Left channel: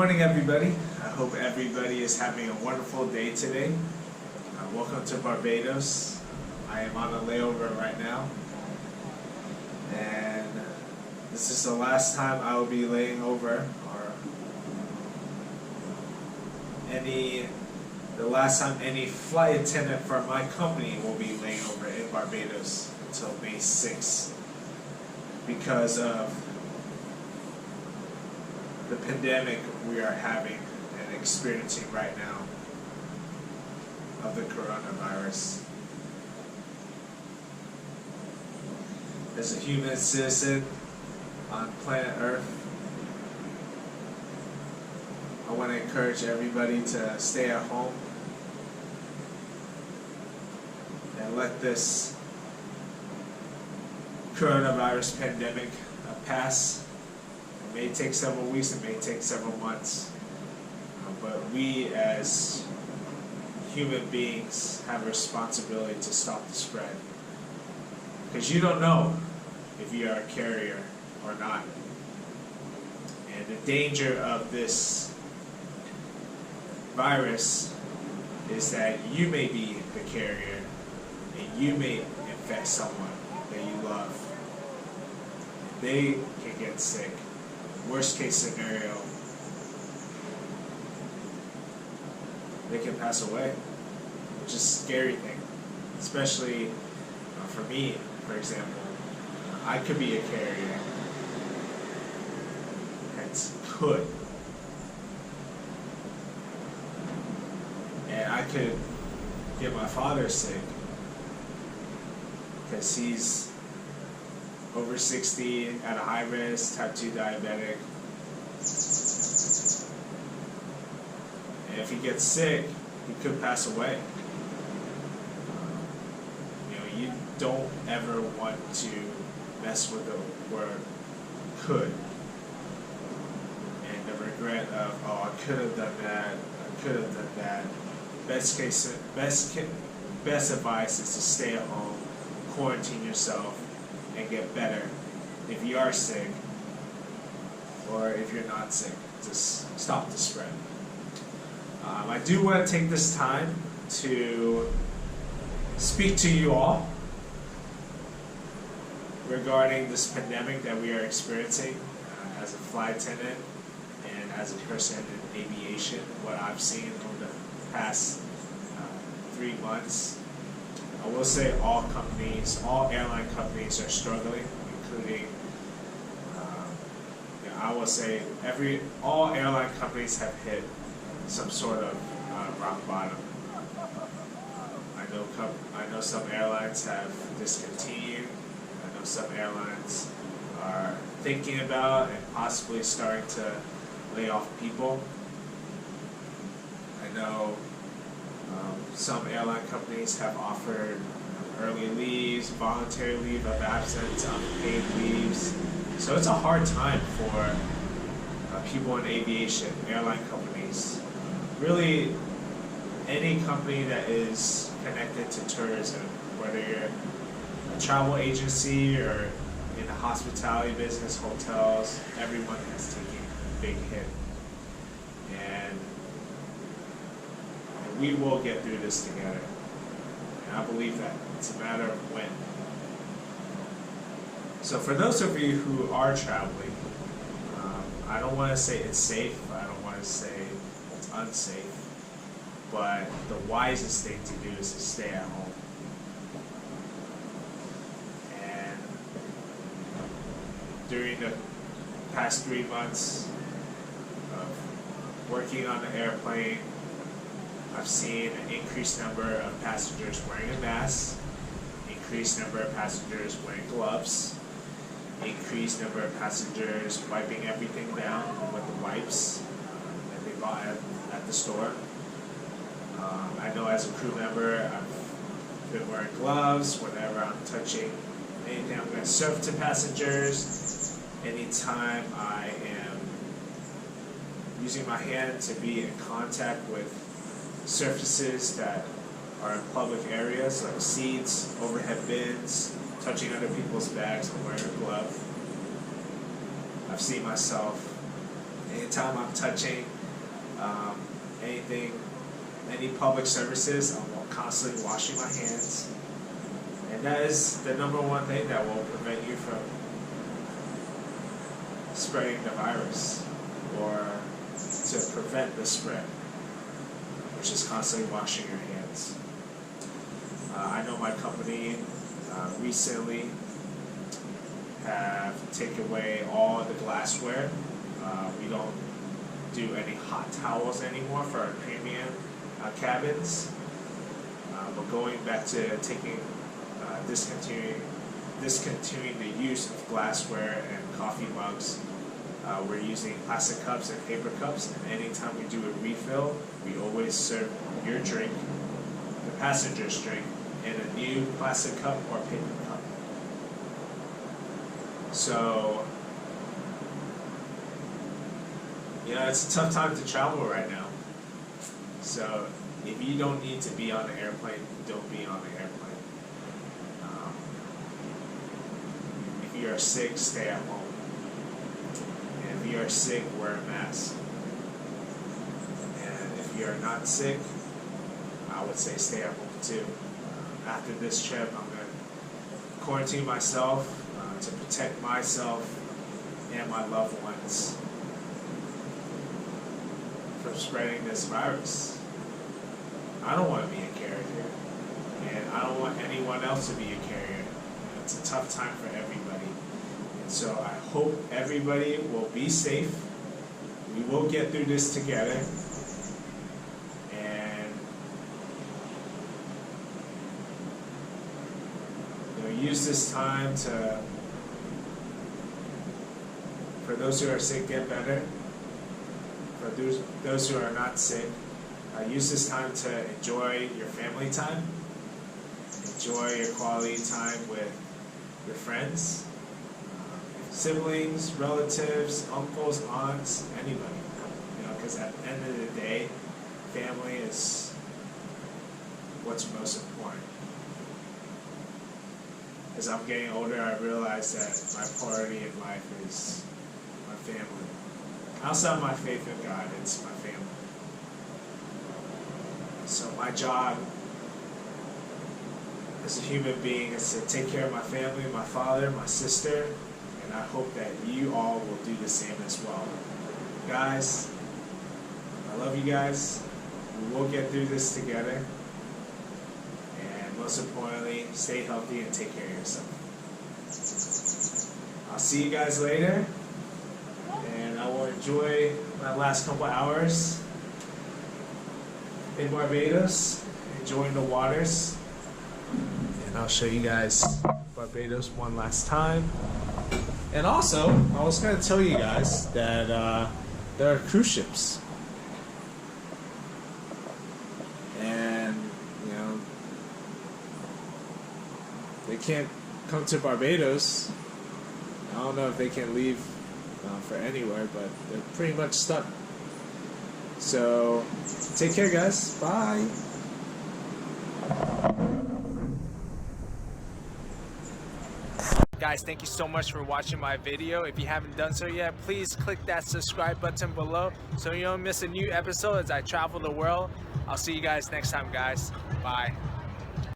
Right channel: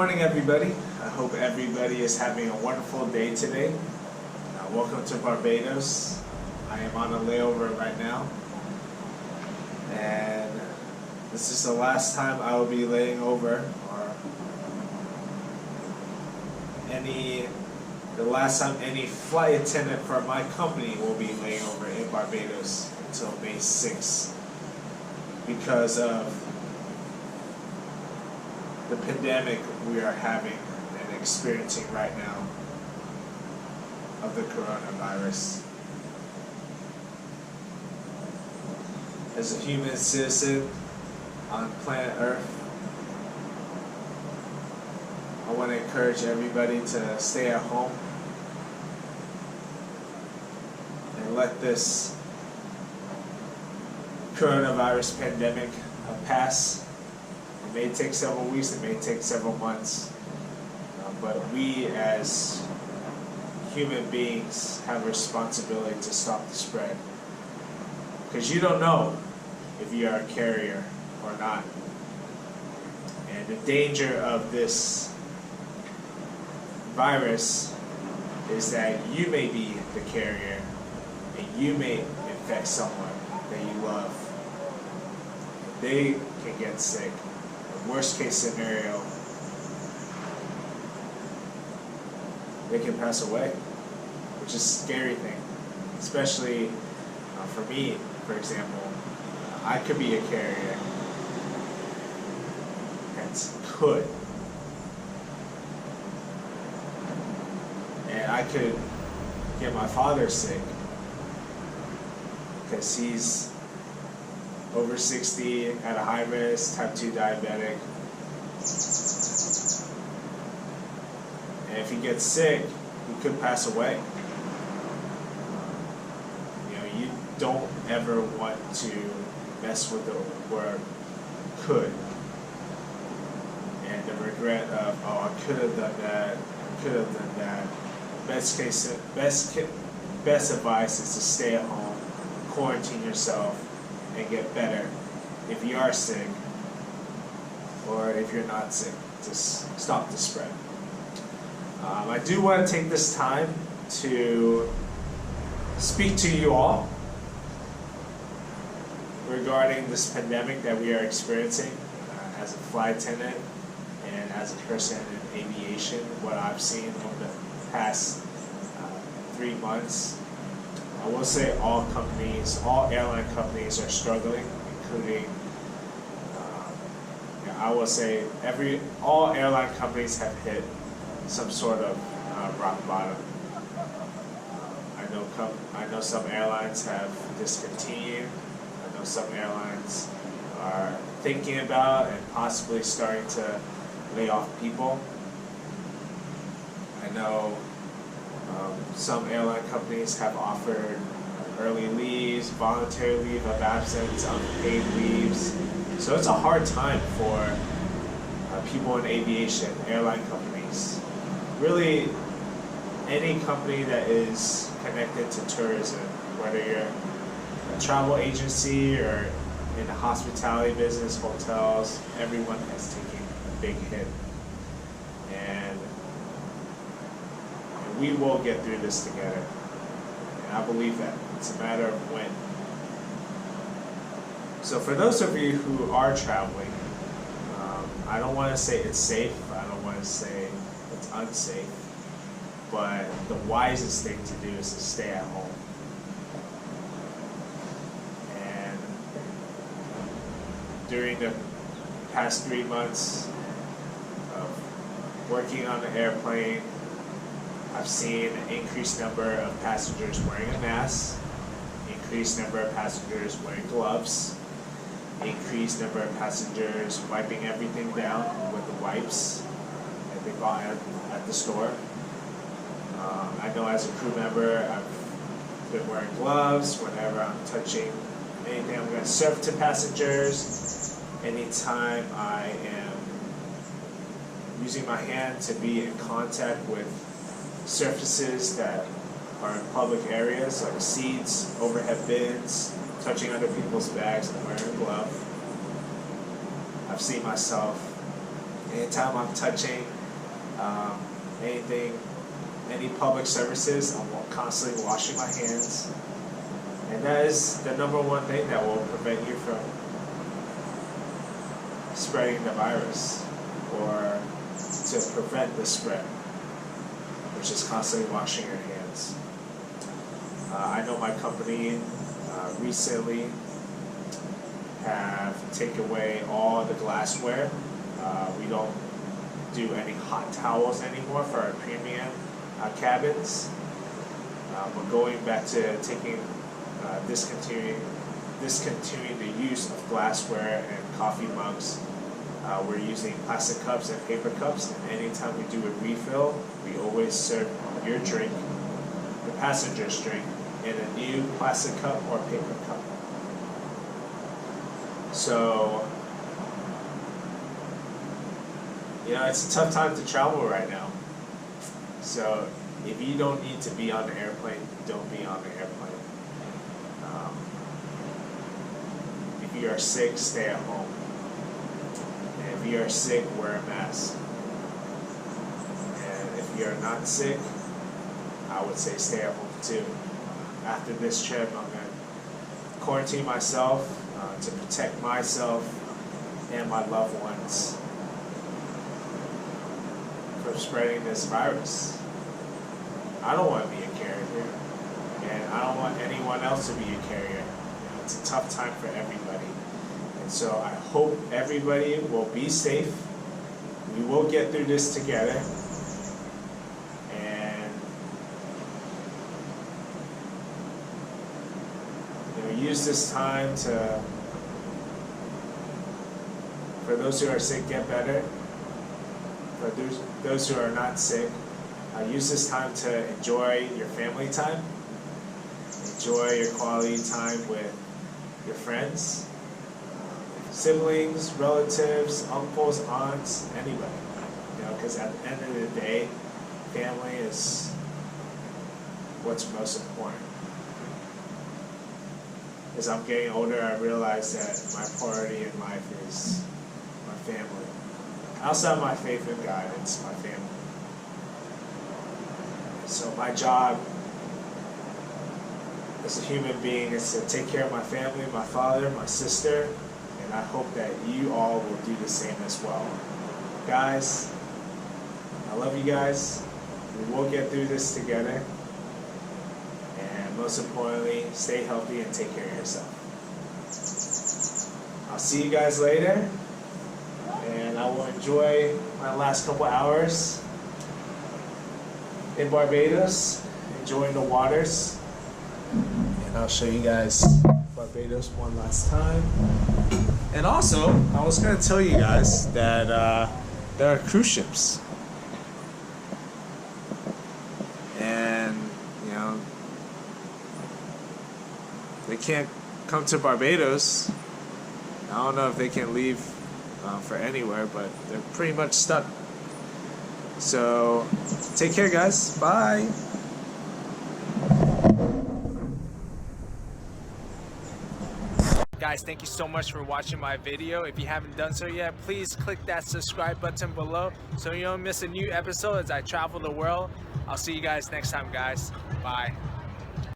morning, everybody. I hope everybody is having a wonderful day today. Welcome to Barbados. I am on a layover right now, and this is the last time I will be laying over, or the last time any flight attendant for my company will be laying over in Barbados until May 6th because of the pandemic we are having and experiencing right now of the coronavirus. As a human citizen on planet Earth, I want to encourage everybody to stay at home and let this coronavirus pandemic pass. It may take several weeks, it may take several months, but we as human beings have a responsibility to stop the spread, because you don't know if you are a carrier or not. And the danger of this virus is that you may be the carrier and you may infect someone that you love. They can get sick. Worst case scenario, they can pass away, which is a scary thing. Especially for me, for example, I could be a carrier, hence could, and I could get my father sick because he's over 60, at a high risk, type 2 diabetic. And if he gets sick, he could pass away. You don't ever want to mess with the word could. And the regret of, oh, I could have done that, I could have done that. Best advice is to stay at home, quarantine yourself, and get better if you are sick, or if you're not sick, just stop the spread. I do want to take this time to speak to you all regarding this pandemic that we are experiencing as a flight attendant and as a person in aviation, what I've seen over the past 3 months. I will say all airline companies are struggling, including, I will say all airline companies have hit some sort of rock bottom. I know some airlines have discontinued. I know some airlines are thinking about and possibly starting to lay off people. I know some airline companies have offered early leaves, voluntary leave of absence, unpaid leaves. So it's a hard time for people in aviation, airline companies. Really, any company that is connected to tourism, whether you're a travel agency or in the hospitality business, hotels, everyone has taken a big hit. And we will get through this together. And I believe that. It's a matter of when. So for those of you who are traveling, I don't want to say it's safe. I don't want to say it's unsafe. But the wisest thing to do is to stay at home. And during the past 3 months of working on the airplane, I've seen an increased number of passengers wearing a mask, increased number of passengers wearing gloves, increased number of passengers wiping everything down with the wipes that they bought at the store. I know as a crew member, I've been wearing gloves whenever I'm touching anything. I'm going to serve to passengers. Anytime I am using my hand to be in contact with surfaces that are in public areas like seats, overhead bins, touching other people's bags and wearing a glove. I've seen myself Anytime I'm touching anything, any public services, I'm constantly washing my hands. And that is the number one thing that will prevent you from spreading the virus, or to prevent the spread, which is constantly washing your hands. I know my company recently have taken away all the glassware. We don't do any hot towels anymore for our premium cabins. We're going back to discontinuing the use of glassware and coffee mugs. We're using plastic cups and paper cups, and anytime we do a refill, we always serve your drink, the passenger's drink, in a new plastic cup or paper cup. So, it's a tough time to travel right now. So, if you don't need to be on the airplane, don't be on the airplane. If you are sick, stay at home. And if you are sick, wear a mask. And if you are not sick, I would say stay at home too. After this trip, I'm going to quarantine myself to protect myself and my loved ones from spreading this virus. I don't want to be a carrier here, and I don't want anyone else to be a carrier. It's a tough time for everybody, and so I hope everybody will be safe. We will get through this together, and use this time to, for those who are sick, get better. For those who are not sick, use this time to enjoy your family time, enjoy your quality time with your friends, siblings, relatives, uncles, aunts, anybody. Because at the end of the day, family is what's most important. As I'm getting older, I realize that my priority in life is my family. Outside of my faith in God, it's my family. So my job as a human being is to take care of my family, my father, my sister, and I hope that you all will do the same as well. Guys, I love you guys. We will get through this together. And most importantly, stay healthy and take care of yourself. I'll see you guys later. And I will enjoy my last couple hours in Barbados, enjoying the waters. And I'll show you guys Barbados one last time. And also, I was going to tell you guys that there are cruise ships. And, they can't come to Barbados. I don't know if they can leave for anywhere, but they're pretty much stuck. So, take care, guys. Bye. Guys, thank you so much for watching my video. If you haven't done so yet, please click that subscribe button below so you don't miss a new episode as I travel the world. I'll see you guys next time, guys. Bye.